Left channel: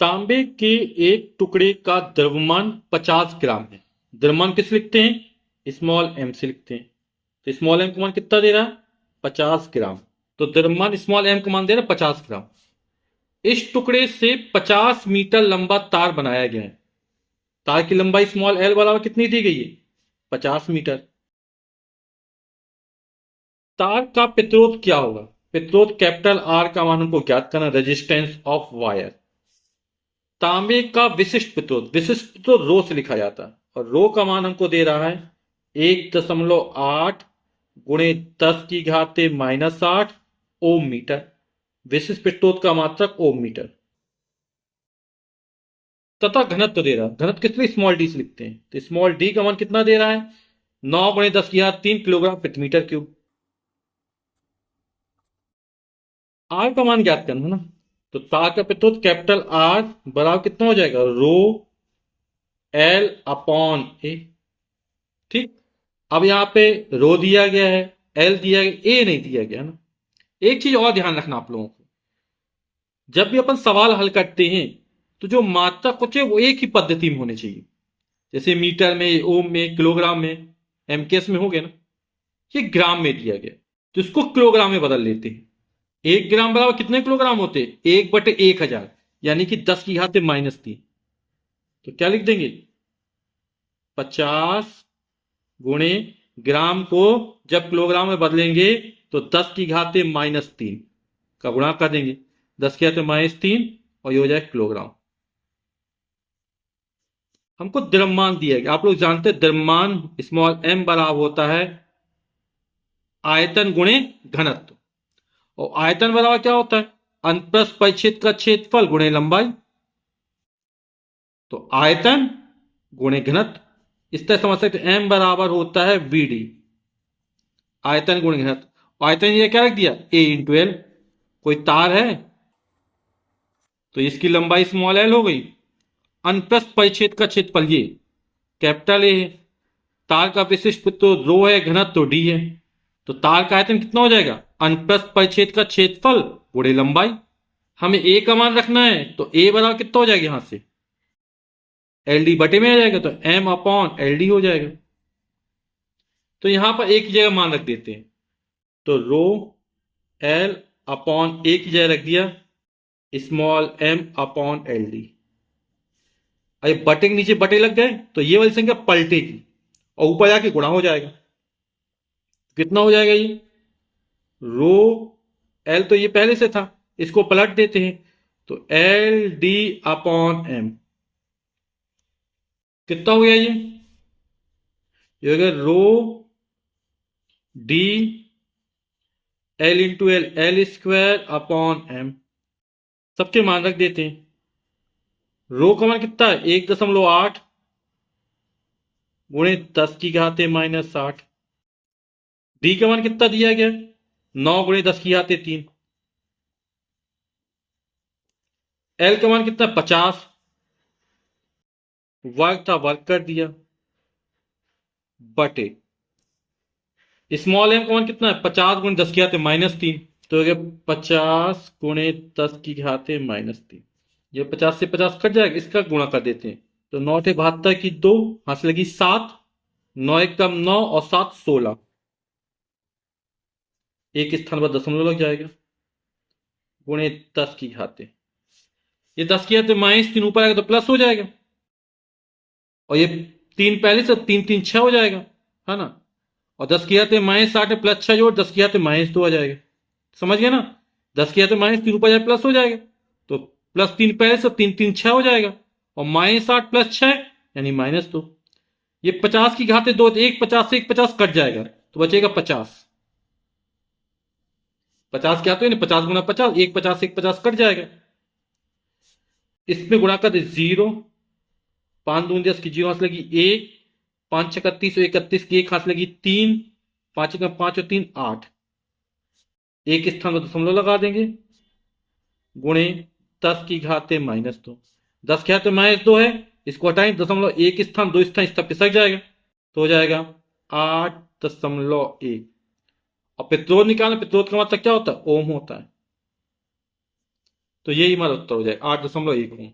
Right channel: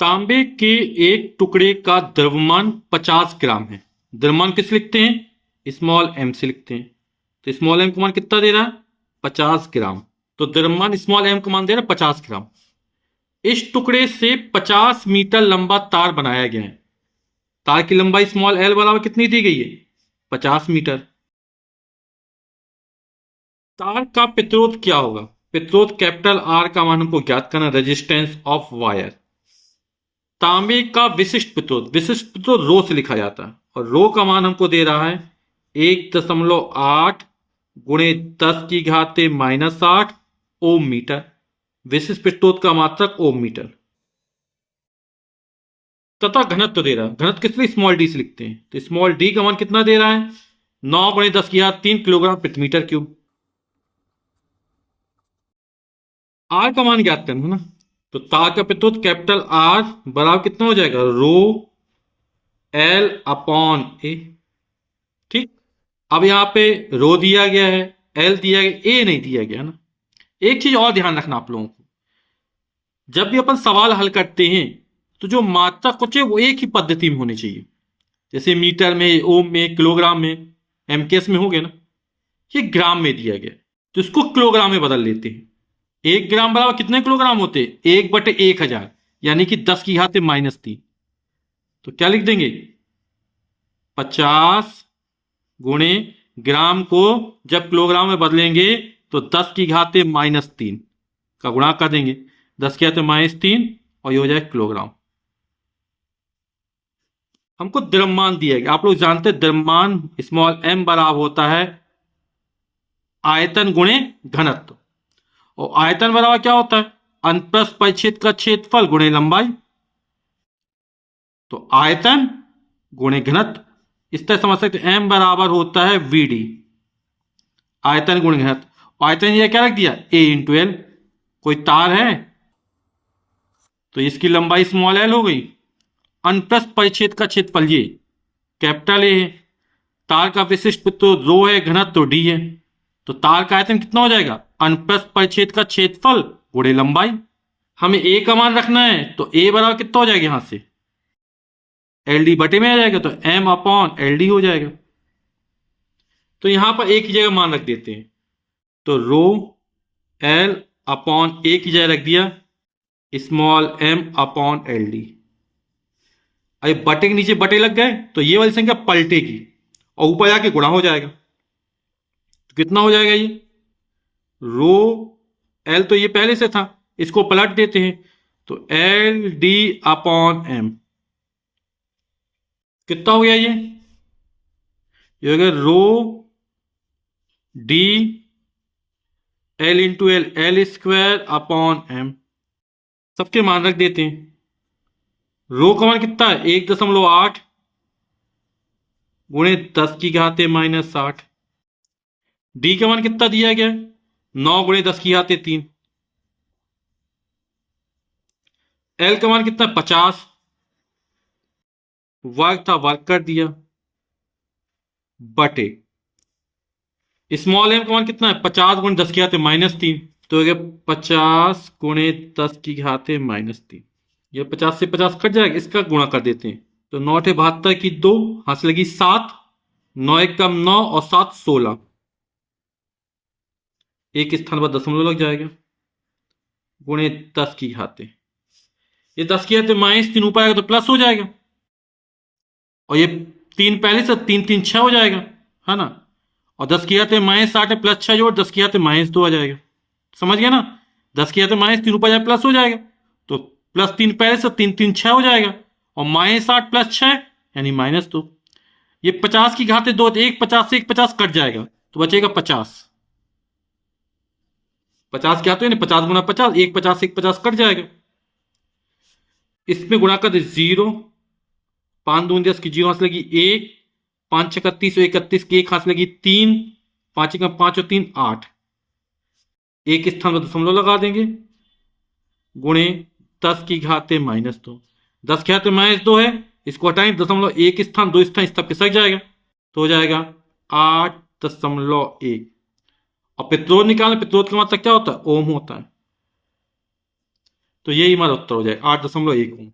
तांबे के एक टुकड़े का द्रव्यमान 50 ग्राम है। द्रव्यमान किस लिखते हैं? स्मॉल एम से लिखते हैं। तो स्मॉल एम का मान कितना दे रहा है? 50 ग्राम। तो द्रव्यमान स्मॉल एम का मान दे रहा है 50 ग्राम। इस टुकड़े से 50 मीटर लंबा तार बनाया गया है। तार की लंबाई स्मॉल एल बराबर कितनी दी गई है? 50 मीटर। तार का प्रतिरोध क्या होगा? प्रतिरोध कैपिटल आर का मान हमको ज्ञात करना, रेजिस्टेंस ऑफ वायर। तांबे का विशिष्ट प्रतिरोध रो से लिखा जाता है और रो का मान हमको दे रहा है 1.8 गुणे 10⁻⁻8 ओम मीटर। विशिष्ट प्रतिरोध का मात्रक ओम मीटर। तथा घनत्व दे रहा है। घनत्व किस लिए स्मॉल डी से लिखते हैं? तो स्मॉल डी का मान कितना दे रहा है? 9 × 10⁻³ किलोग्राम प्रति मीटर क्यूब। आर का मान ज्ञात करना है ना। तो तार का प्रतिरोध कैपिटल आर बराबर कितना हो जाएगा? रो एल अपॉन ए। ठीक। अब यहां पे रो दिया गया है, एल दिया गया, ए नहीं दिया गया ना। एक चीज और ध्यान रखना आप लोगों को, जब भी अपन सवाल हल करते हैं तो जो मात्रा कुछ है वो एक ही पद्धति में होनी चाहिए। जैसे मीटर में, ओम में, किलोग्राम में, एमकेएस में हो गया ना। ये ग्राम में दिया गया तो इसको किलोग्राम में बदल लेते हैं। 1 ग्राम बराबर कितने किलोग्राम होते हैं? 1/1000, यानी कि 10⁻³ तो क्या लिख देंगे? 50 गुणे ग्राम को जब किलोग्राम में बदलेंगे तो 10⁻³ का गुणा कर देंगे, 10⁻³ और ये हो जाए किलोग्राम। हमको द्रव्यमान दिया गया, आप लोग जानते हैं द्रव्यमान स्मॉल एम बराबर होता है आयतन गुणे घनत्व। और आयतन बराबर क्या होता है? अनुप्रस्थ परिच्छेद का क्षेत्रफल गुणे लंबाई। तो आयतन गुणे घनत्व, इस तरह समझ सकते एम बराबर होता है वीडी, आयतन गुणे घनत्व। आयतन ये क्या रख दिया? A × L। कोई तार है तो इसकी लंबाई स्मॉल एल हो गई। अनुप्रस्थ परिच्छेद का क्षेत्रफल ये कैपिटल ए है। तार का विशिष्ट प्रतिरोध रो है, घनत्व तो डी है। तो तार का आयतन कितना हो जाएगा? अनुप्रस्थ परिच्छेद का क्षेत्रफल गुणे लंबाई। हमें ए का मान रखना है तो ए बराबर कितना हो जाएगा? यहां से एल डी बटे में आ जाएगा तो एम अपॉन एल डी हो जाएगा। तो यहां पर एक ही जगह मान रख देते हैं, तो रो एल अपॉन ए की जगह रख दिया small M upon L D. अब बटे के नीचे बटे लग गए तो ये वाली संख्या पलटेगी और ऊपर जाके गुणा हो जाएगा। तो कितना हो जाएगा? ये रो एल तो ये पहले से था, इसको पलट देते हैं तो एल डी अपॉन एम कितना हो गया? ये हो गया rho D L into L, L square upon M. सबके मान रख देते हैं। रो का मान कितना है? 1.8 गुणे 10⁻⁻8। डी का मान कितना दिया गया? 9 गुणे 10⁻3। एल का मान कितना? 50। वर्ग था, वर्ग कर दिया, बटे स्मॉल एम का मान कितना है? 50 गुणे 10⁻3। तो हो गया 50 गुणे 10⁻3। ये 50 से 50 कट जाएगा, इसका गुणा कर देते हैं तो 9×8 की 2, हाथ लगी 7, 9 × 1 = 9 और 7 = 16। एक स्थान पर दशमलव लग जाएगा, गुणे 10⁻। ये 10⁻³ ऊपर आएगा तो प्लस हो जाएगा और ये 3 पहले से 3 3 6 हो जाएगा, है ना। और 10⁻8 में प्लस 6 जोड़ 10⁻2 आ जाएगा। समझ गया ना? 10⁻3 ऊपर जाए प्लस हो जाएगा तो +3 पहले से 3 3 6 हो जाएगा और -8 + 6 यानी -2। ये 50⁻2, एक 50 से एक 50 कट जाएगा तो बचेगा 50। 50 क्या? तो 50 × 50, एक 50 से एक 50 कट जाएगा। इसमें गुणा कर दे 0, 5 दूनी 10 की 0 हाथ लगी 1, 5 × 31 और 31 की 1 हाथ लगी 3, 5 × 5 और 3 8। एक स्थान पर दशमलव लगा देंगे, गुणे 10⁻2। 10⁻2 है, इसको हटाएं, दशमलव एक स्थान 2 स्थान इस तक खिसक जाएगा तो हो जाएगा 8.1। और प्रतिरोध निकालने, प्रतिरोध का मतलब क्या होता है? ओम होता है। तो यही हमारा उत्तर हो जाएगा 8.1 ओम।